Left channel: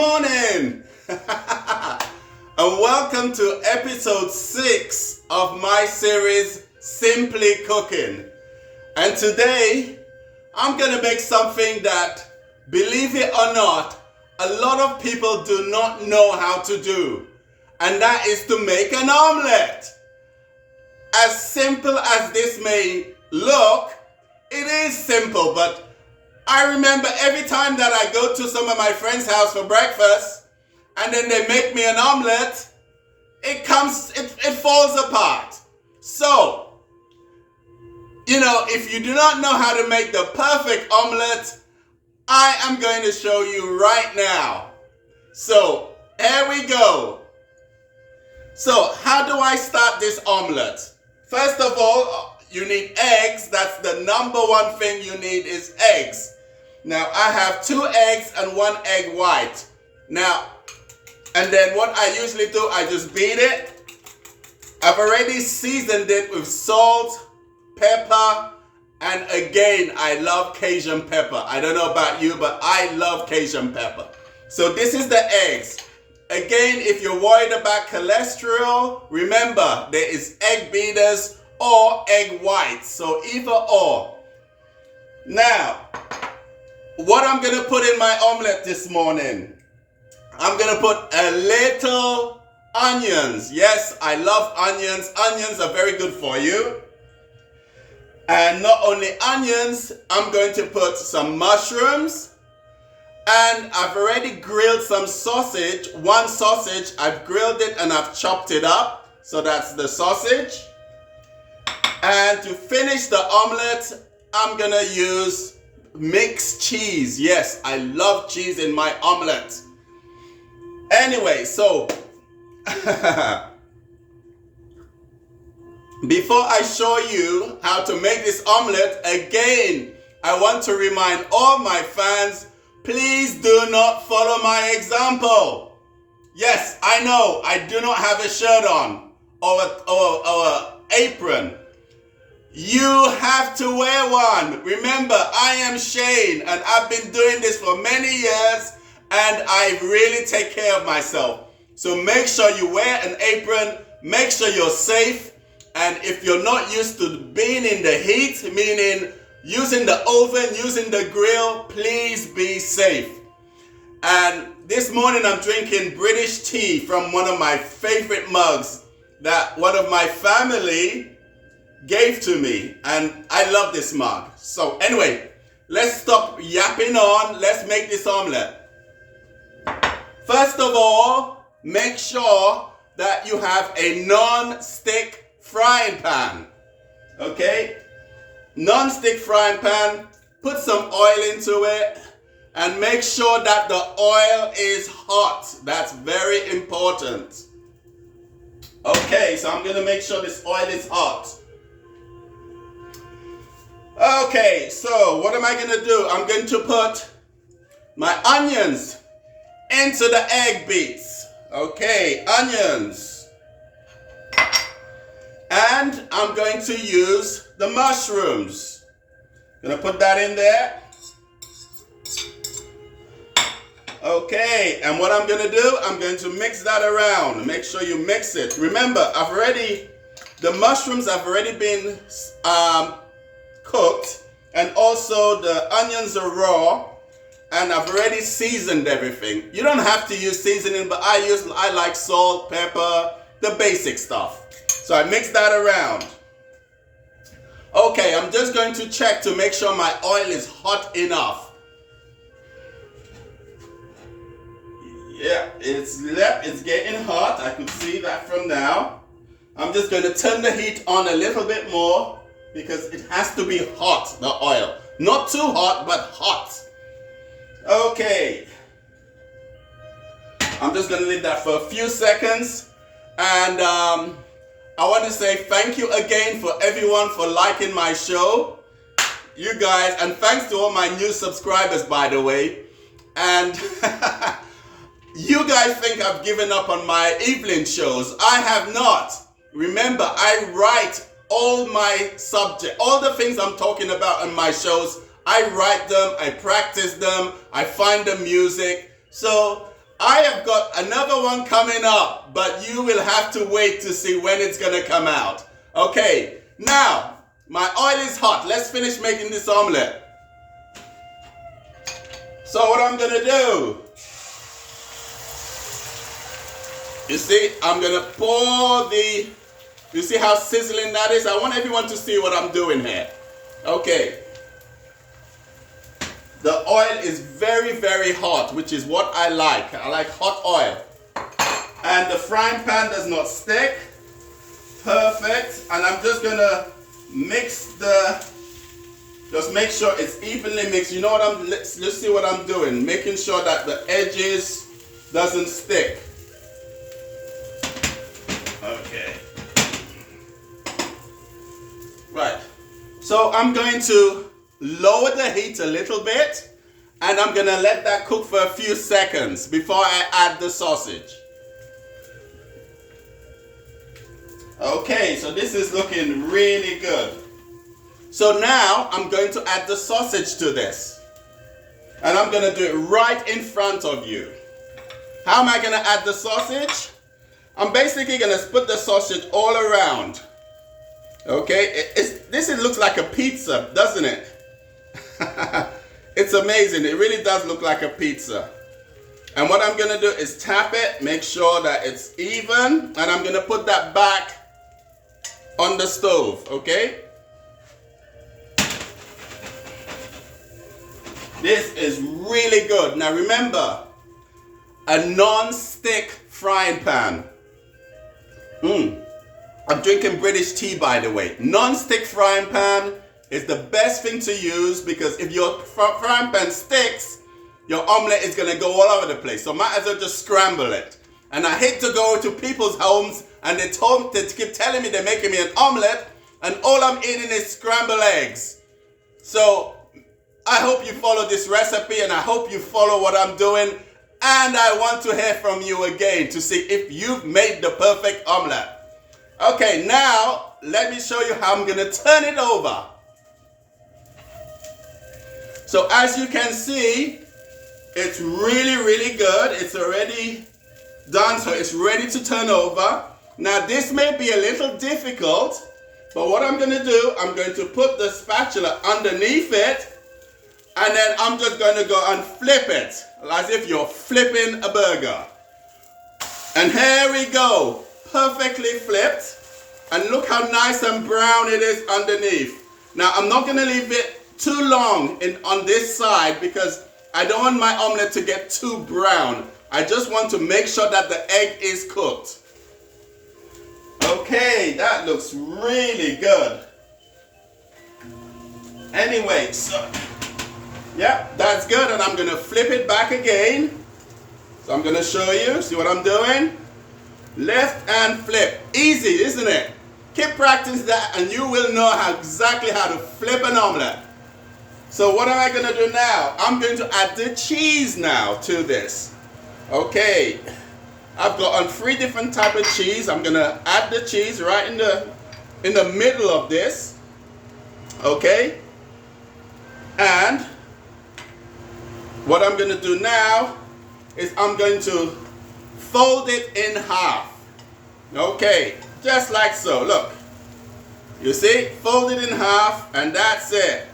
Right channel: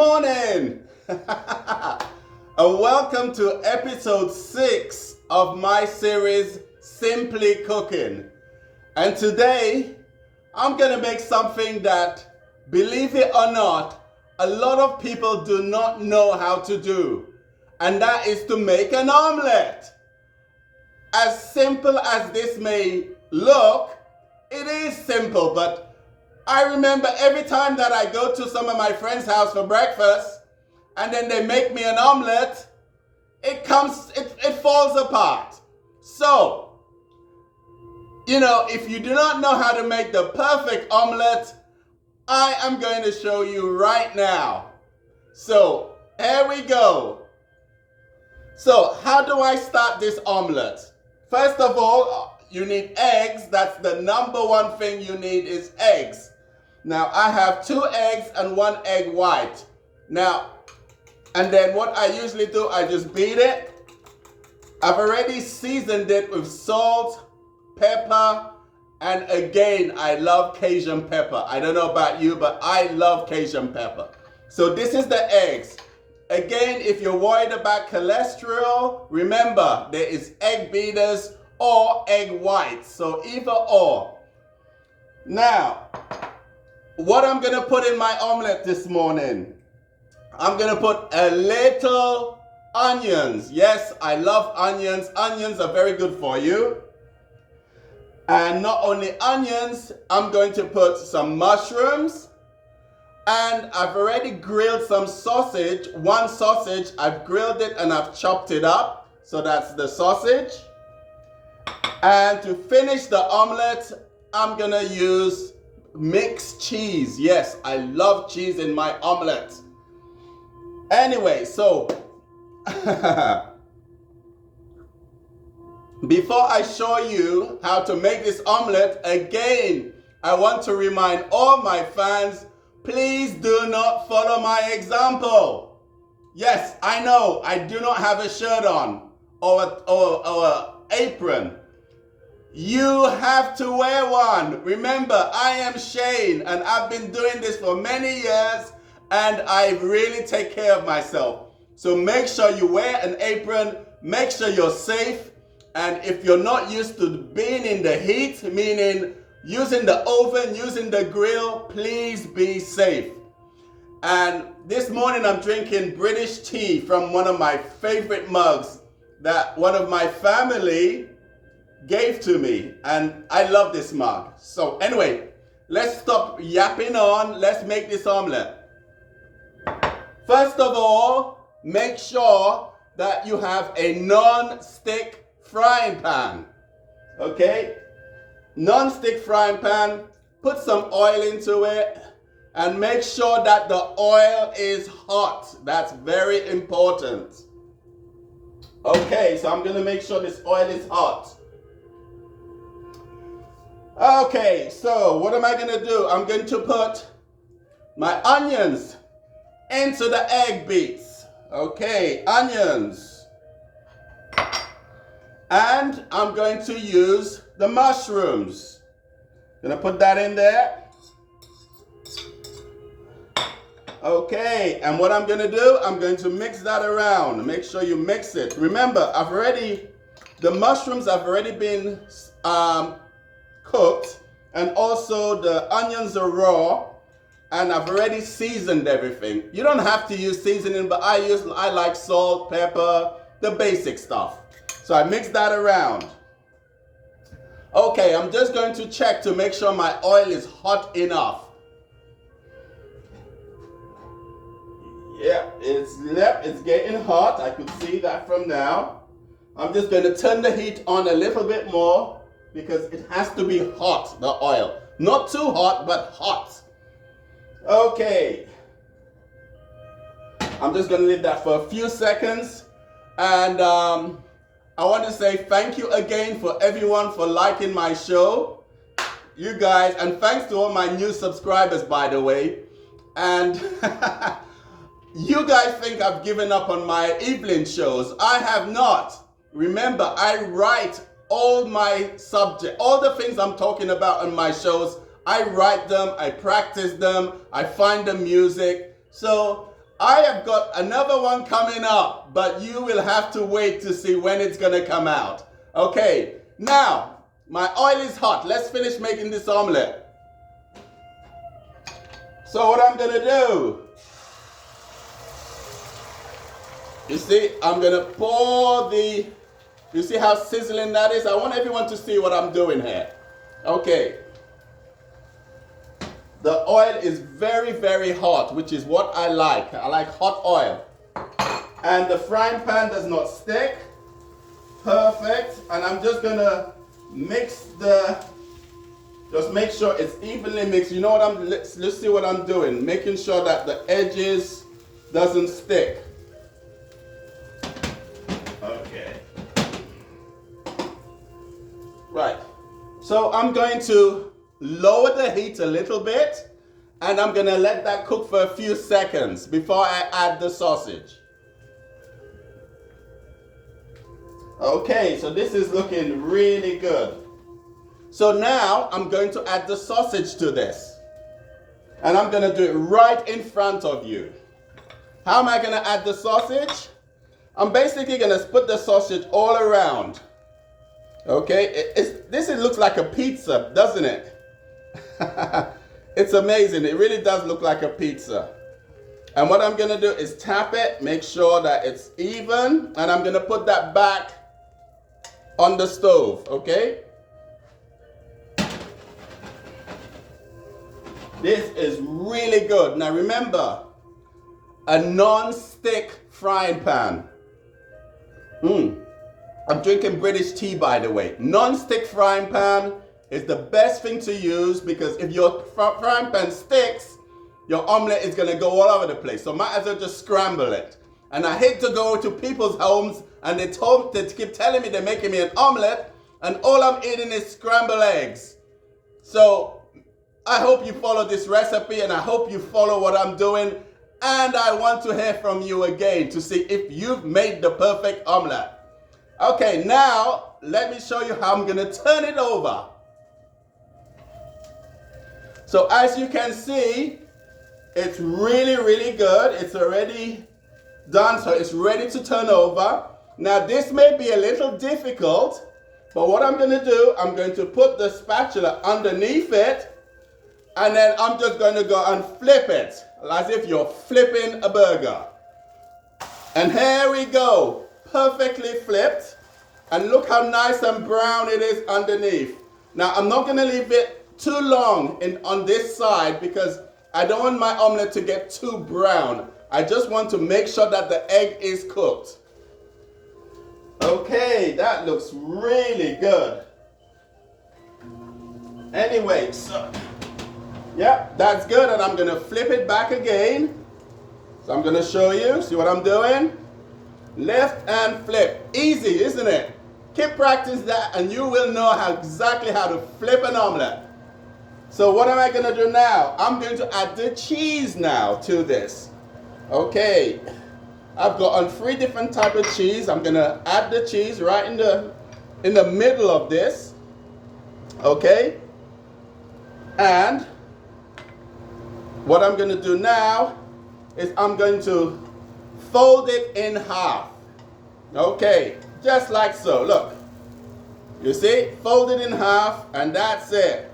morning and welcome to episode 6 of my series Simply Cooking. And today I'm gonna make something that, believe it or not, a lot of people do not know how to do, and that is to make an omelet. As simple as this may look, it is simple, but I remember every time that I go to some of my friends' house for breakfast and then they make me an omelet, it falls apart. So, if you do not know how to make the perfect omelet, I am going to show you right now. So, here we go. So, how do I start this omelet? First of all, you need eggs. That's the number one thing you need is eggs. Now, I have 2 eggs and 1 egg white. Now, and then what I usually do, I just beat it. I've already seasoned it with salt, pepper, and again, I love Cajun pepper. I don't know about you, but I love Cajun pepper. So this is the eggs. Again, if you're worried about cholesterol, remember, there is egg beaters or egg whites. So either or. Now, what I'm going to put in my omelet this morning, I'm going to put a little onions. Yes, I love onions. Onions are very good for you. And not only onions, I'm going to put some mushrooms. And I've already grilled some sausage. 1 sausage, I've grilled it and I've chopped it up. So that's the sausage. And to finish the omelet, I'm going to use mixed cheese. Yes, I love cheese in my omelet. Anyway, so before I show you how to make this omelet, again, I want to remind all my fans, please do not follow my example. Yes, I know I do not have a shirt on or an apron. You have to wear one. Remember, I am Shane and I've been doing this for many years and I really take care of myself. So make sure you wear an apron, make sure you're safe, and if you're not used to being in the heat, meaning using the oven, using the grill, please be safe. And this morning I'm drinking British tea from one of my favorite mugs that one of my family gave to me, and I love this mug. So anyway, let's stop yapping on. Let's make this omelet. First of all, make sure that you have a non-stick frying pan. Okay? Non-stick frying pan. Put some oil into it and make sure that the oil is hot. That's very important. Okay, so I'm going to make sure this oil is hot. Okay, so what am I going to do? I'm going to put my onions into the egg beats. Okay, onions. And I'm going to use the mushrooms. Gonna put that in there. Okay, and what I'm gonna do, I'm going to mix that around. Make sure you mix it. Remember, the mushrooms have already been cooked, and also the onions are raw, and I've already seasoned everything. You don't have to use seasoning, but I like salt, pepper, the basic stuff. So I mix that around. Okay, I'm just going to check to make sure my oil is hot enough. Yeah, it's getting hot. I could see that from now. I'm just going to turn the heat on a little bit more, because it has to be hot, the oil. Not too hot, but hot. Okay. I'm just going to leave that for a few seconds. And I want to say thank you again for everyone for liking my show. You guys, and thanks to all my new subscribers, by the way. And you guys think I've given up on my evening shows. I have not. Remember, I write all my subject, all the things I'm talking about in my shows. I write them, I practice them, I find the music. So I have got another one coming up, but you will have to wait to see when it's gonna come out. Okay, now, my oil is hot. Let's finish making this omelet. So what I'm gonna do, you see, I'm gonna pour the, you see how sizzling that is? I want everyone to see what I'm doing here. Okay. The oil is very, very hot, which is what I like. I like hot oil. And the frying pan does not stick. Perfect. And I'm just gonna mix just make sure it's evenly mixed. You know what let's see what I'm doing. Making sure that the edges doesn't stick. Okay. Right. So I'm going to lower the heat a little bit, and I'm gonna let that cook for a few seconds before I add the sausage. Okay, so this is looking really good. So now I'm going to add the sausage to this, and I'm gonna do it right in front of you. How am I gonna add the sausage? I'm basically gonna put the sausage all around. Okay, this looks like a pizza, doesn't it? It's amazing. It really does look like a pizza. And what I'm going to do is tap it, make sure that it's even, and I'm going to put that back on the stove, okay? This is really good. Now remember, a non-stick frying pan. I'm drinking British tea, by the way. Non-stick frying pan is the best thing to use, because if your frying pan sticks, your omelet is gonna go all over the place. So might as well just scramble it. And I hate to go to people's homes and they keep telling me they're making me an omelet, and all I'm eating is scrambled eggs. So I hope you follow this recipe, and I hope you follow what I'm doing. And I want to hear from you again to see if you've made the perfect omelet. Okay, now let me show you how I'm gonna turn it over. So as you can see, it's really, really good. It's already done, so it's ready to turn over. Now this may be a little difficult, but what I'm gonna do, I'm going to put the spatula underneath it, and then I'm just gonna go and flip it, as if you're flipping a burger. And here we go, perfectly flipped. And look how nice and brown it is underneath. Now I'm not gonna leave it too long on this side, because I don't want my omelet to get too brown. I just want to make sure that the egg is cooked. Okay, that looks really good. Anyway, so, yep, that's good, and I'm gonna flip it back again. So I'm gonna show you, see what I'm doing? Lift and flip, easy, isn't it? Keep practicing that and you will know exactly how to flip an omelet. So what am I going to do now? I'm going to add the cheese now to this. Okay, I've got on 3 different types of cheese. I'm going to add the cheese right in the middle of this. Okay, and what I'm going to do now is I'm going to fold it in half. Okay, just like so. Look, you see, fold it in half, and that's it.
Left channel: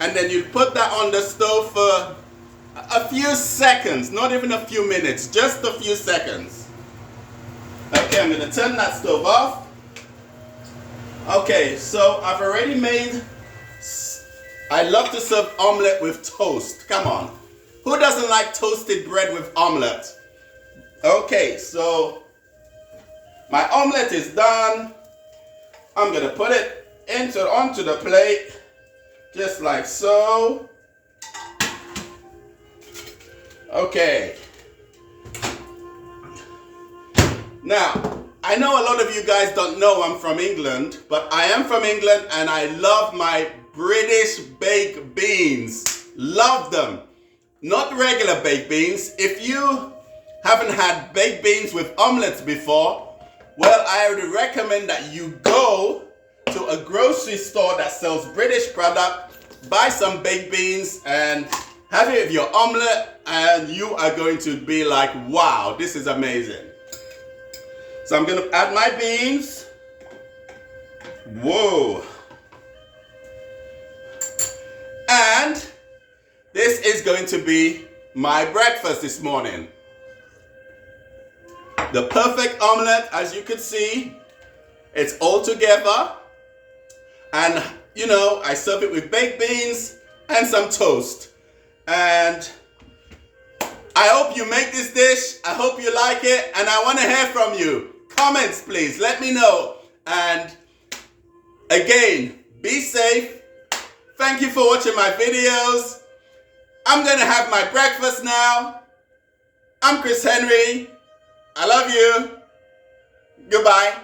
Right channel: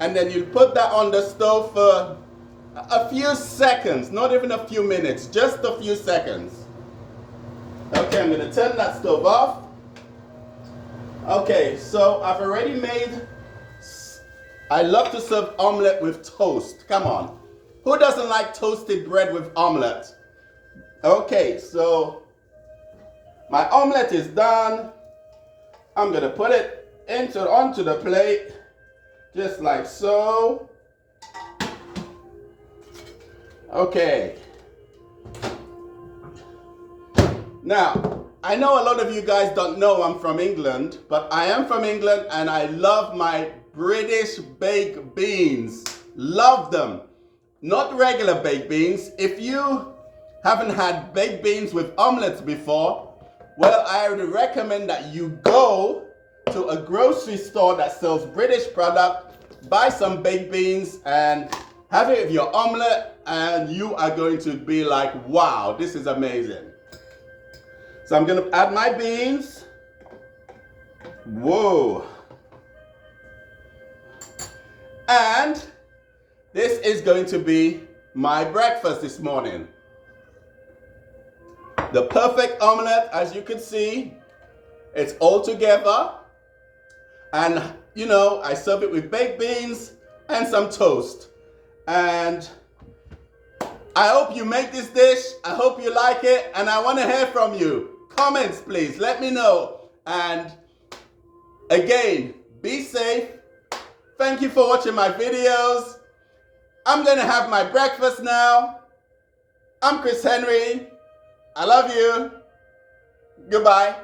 And then you put that on the stove for a few seconds, not even a few minutes, just a few seconds. Okay, I'm going to turn that stove off. Okay, so I've already made, I love to serve omelet with toast. Come on. Who doesn't like toasted bread with omelet? Okay, so my omelet is done. I'm going to put it onto the plate. Just like so. Okay. Now, I know a lot of you guys don't know I'm from England, but I am from England and I love my British baked beans. Love them. Not regular baked beans. If you haven't had baked beans with omelets before, well, I would recommend that you go to a grocery store that sells British product, buy some baked beans and Have it with your omelet and you are going to be like, wow, this is amazing. So I'm going to add my beans. Whoa. And this is going to be my breakfast this morning. The perfect omelet, as you can see, it's all together. And you know, I serve it with baked beans and some toast. And I hope you make this dish. I hope you like it. And I want to hear from you. Comments, please. Let me know. And again, be safe. Thank you for watching my videos. I'm going to have my breakfast now. I'm Chris Henry. I love you. Goodbye.